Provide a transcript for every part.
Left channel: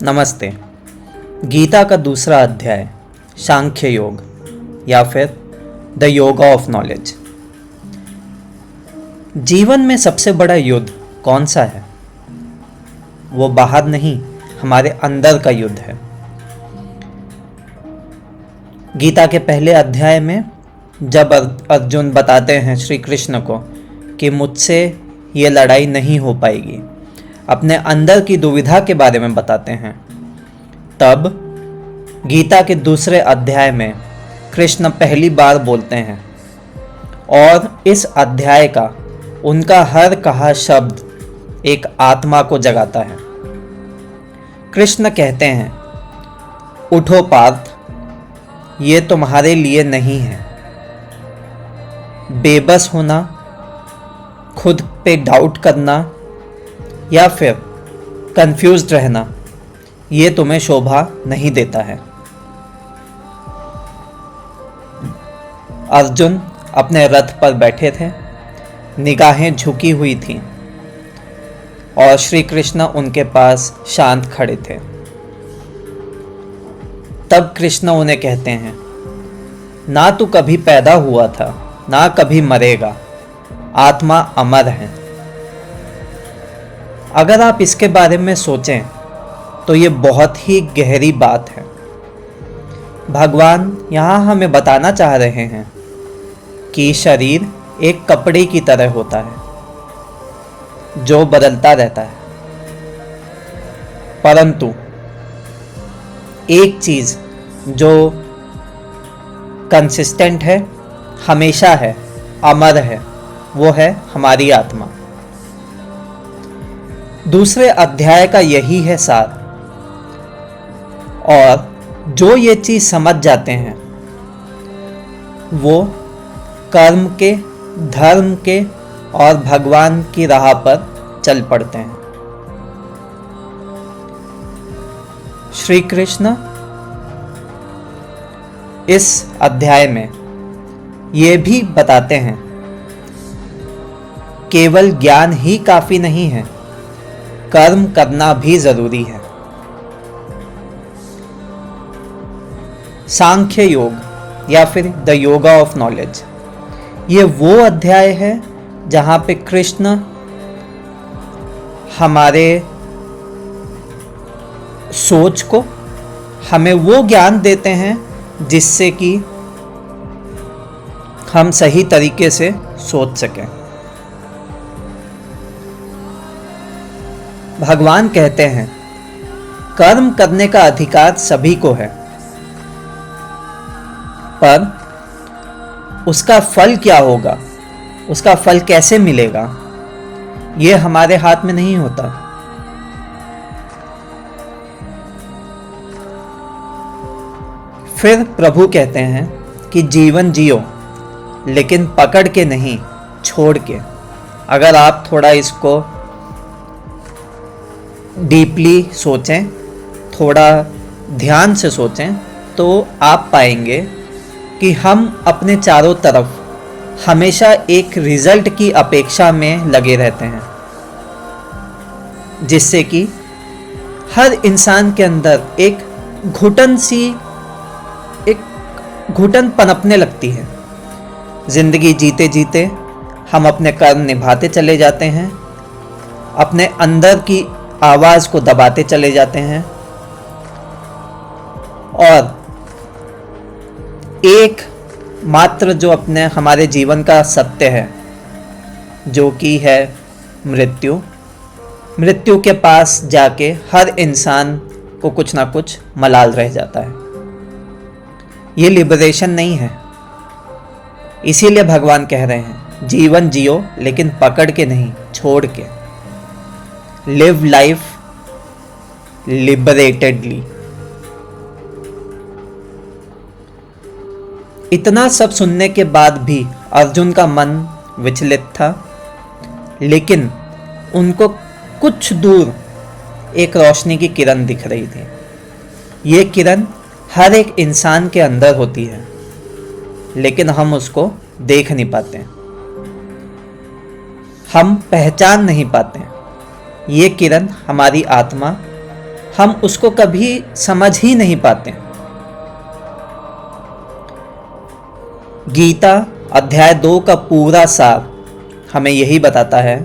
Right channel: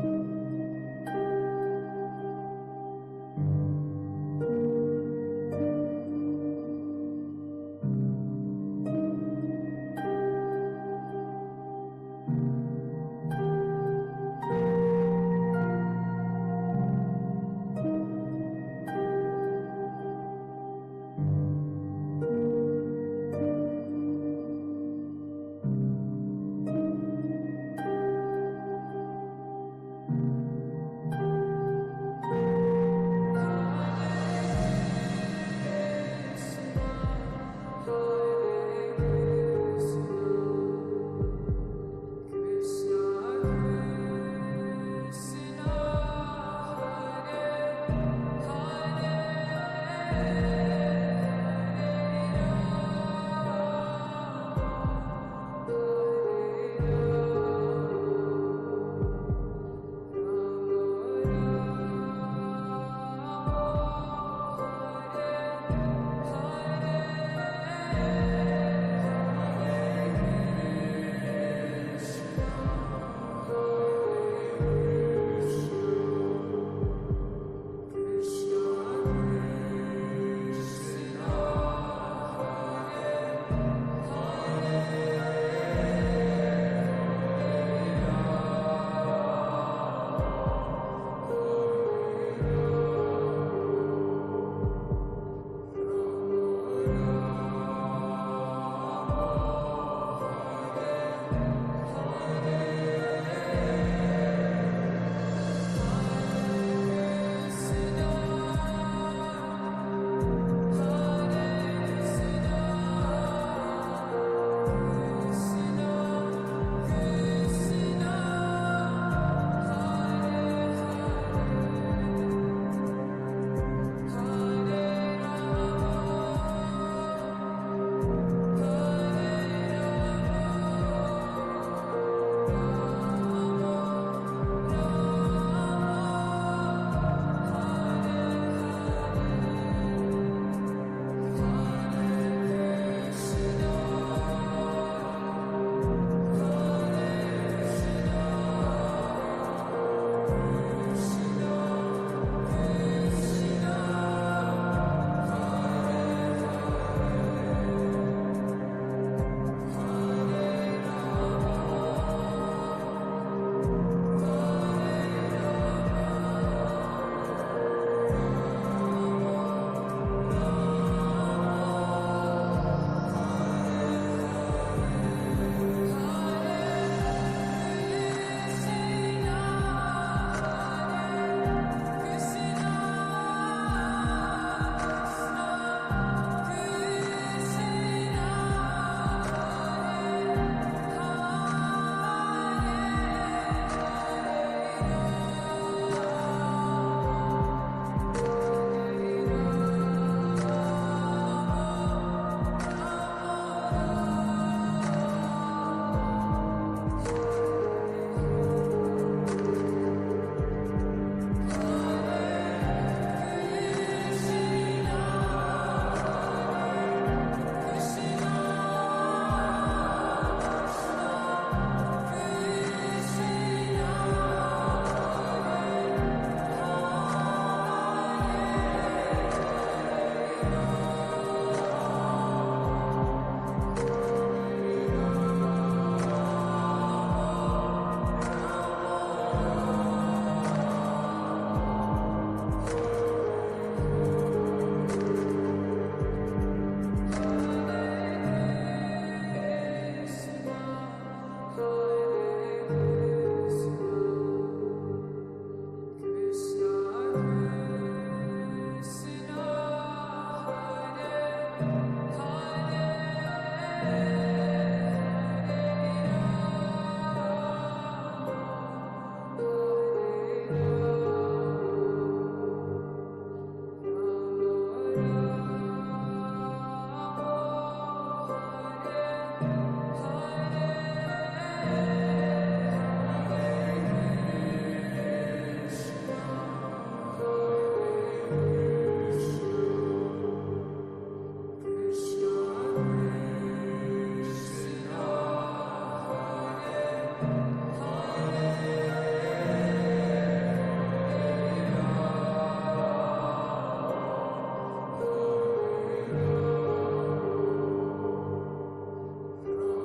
नमस्ते। गीता का दूसरा अध्याय सांख्य योग या फिर द योगा ऑफ नॉलेज। जीवन में सबसे बड़ा युद्ध कौन सा है? वो बाहर नहीं, हमारे अंदर का युद्ध है। गीता के पहले अध्याय में जब अर्जुन बताते हैं श्री कृष्ण को कि मुझसे ये लड़ाई नहीं हो पाएगी, अपने अंदर की दुविधा के बारे में बताते हैं, तब गीता के दूसरे अध्याय में कृष्ण पहली बार बोलते हैं और इस अध्याय का उनका हर कहा शब्द एक आत्मा को जगाता है। कृष्ण कहते हैं, उठो पार्थ, ये तुम्हारे लिए नहीं है। बेबस होना, खुद पे डाउट करना या फिर कंफ्यूज्ड रहना, ये तुम्हें शोभा नहीं देता है। अर्जुन अपने रथ पर बैठे थे, निगाहें झुकी हुई थीं और श्री कृष्ण उनके पास शांत खड़े थे। तब कृष्ण उन्हें कहते हैं, ना तू कभी पैदा हुआ था, ना कभी मरेगा, आत्मा अमर है। अगर आप इसके बारे में सोचें तो ये बहुत ही गहरी बात है। भगवान यहाँ हमें बताना चाह रहे हैं कि शरीर एक कपड़े की तरह होता है जो बदलता रहता है, परंतु एक चीज जो कंसिस्टेंट है, हमेशा है, अमर है, वो है हमारी आत्मा। दूसरे अध्याय का यही है सार, और जो ये चीज समझ जाते हैं वो कर्म के, धर्म के और भगवान की राह पर चल पड़ते हैं। श्री कृष्ण इस अध्याय में ये भी बताते हैं, केवल ज्ञान ही काफी नहीं है, कर्म करना भी जरूरी है। सांख्य योग या फिर द योगा ऑफ नॉलेज, ये वो अध्याय है जहां पे कृष्ण हमारे सोच को, हमें वो ज्ञान देते हैं जिससे कि हम सही तरीके से सोच सकें। भगवान कहते हैं, कर्म करने का अधिकार सभी को है, पर उसका फल क्या होगा, उसका फल कैसे मिलेगा, यह हमारे हाथ में नहीं होता। फिर प्रभु कहते हैं कि जीवन जियो, लेकिन पकड़ के नहीं, छोड़ के। अगर आप थोड़ा इसको डीपली सोचें, थोड़ा ध्यान से सोचें, तो आप पाएंगे कि हम अपने चारों तरफ हमेशा एक रिजल्ट की अपेक्षा में लगे रहते हैं, जिससे कि हर इंसान के अंदर एक घुटन पनपने लगती है। जिंदगी जीते जीते हम अपने कर्म निभाते चले जाते हैं, अपने अंदर की आवाज को दबाते चले जाते हैं और एक मात्र जो अपने हमारे जीवन का सत्य है, जो कि है मृत्यु के पास जाके हर इंसान को कुछ ना कुछ मलाल रह जाता है। ये लिबरेशन नहीं है। इसीलिए भगवान कह रहे हैं, जीवन जियो लेकिन पकड़ के नहीं, छोड़ के। Live life liberatedly. इतना सब सुनने के बाद भी अर्जुन का मन विचलित था, लेकिन उनको कुछ दूर एक रोशनी की किरण दिख रही थी। ये किरण हर एक इंसान के अंदर होती है, लेकिन हम उसको देख नहीं पाते, हम पहचान नहीं पाते। ये किरण हमारी आत्मा हम उसको कभी समझ ही नहीं पाते। गीता अध्याय 2 का पूरा सार हमें यही बताता है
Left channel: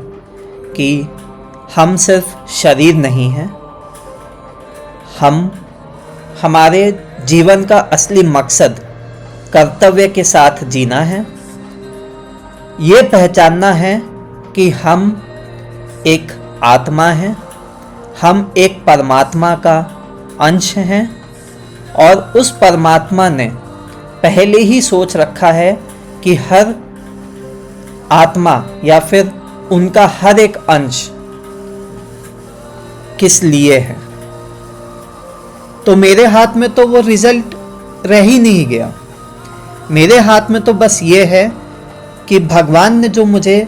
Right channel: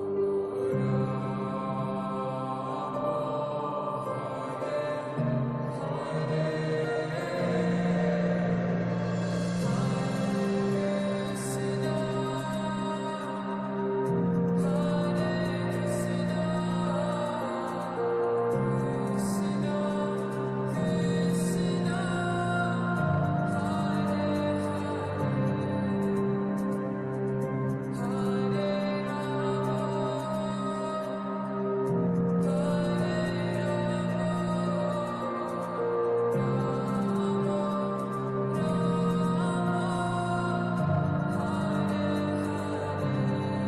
कि हम सिर्फ शरीर नहीं हैं, हम हमारे जीवन का असली मकसद कर्तव्य के साथ जीना है। ये पहचानना है कि हम एक आत्मा हैं, हम एक परमात्मा का अंश हैं और उस परमात्मा ने पहले ही सोच रखा है कि हर आत्मा या फिर उनका हर एक अंश किस लिए है। तो मेरे हाथ में तो वो रिजल्ट रह ही नहीं गया। मेरे हाथ में तो बस ये है कि भगवान ने जो मुझे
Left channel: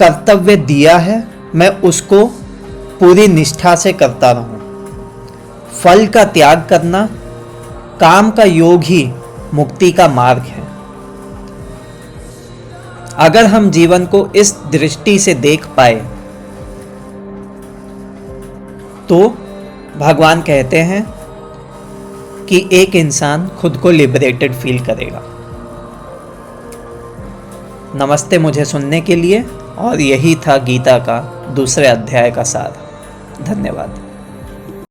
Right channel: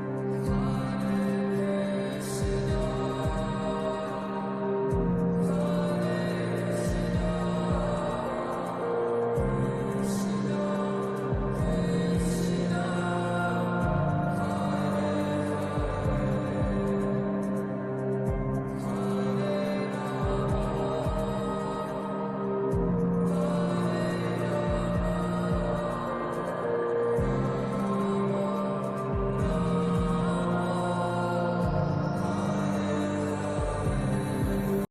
कर्तव्य दिया है मैं उसको पूरी निष्ठा से करता रहूं। फल का त्याग करना, काम का योग ही मुक्ति का मार्ग है। अगर हम जीवन को इस दृष्टि से देख पाए तो भगवान कहते हैं कि एक इंसान खुद को लिबरेटेड फील करेगा। नमस्ते मुझे सुनने के लिए, और यही था गीता का दूसरे अध्याय का सार। धन्यवाद।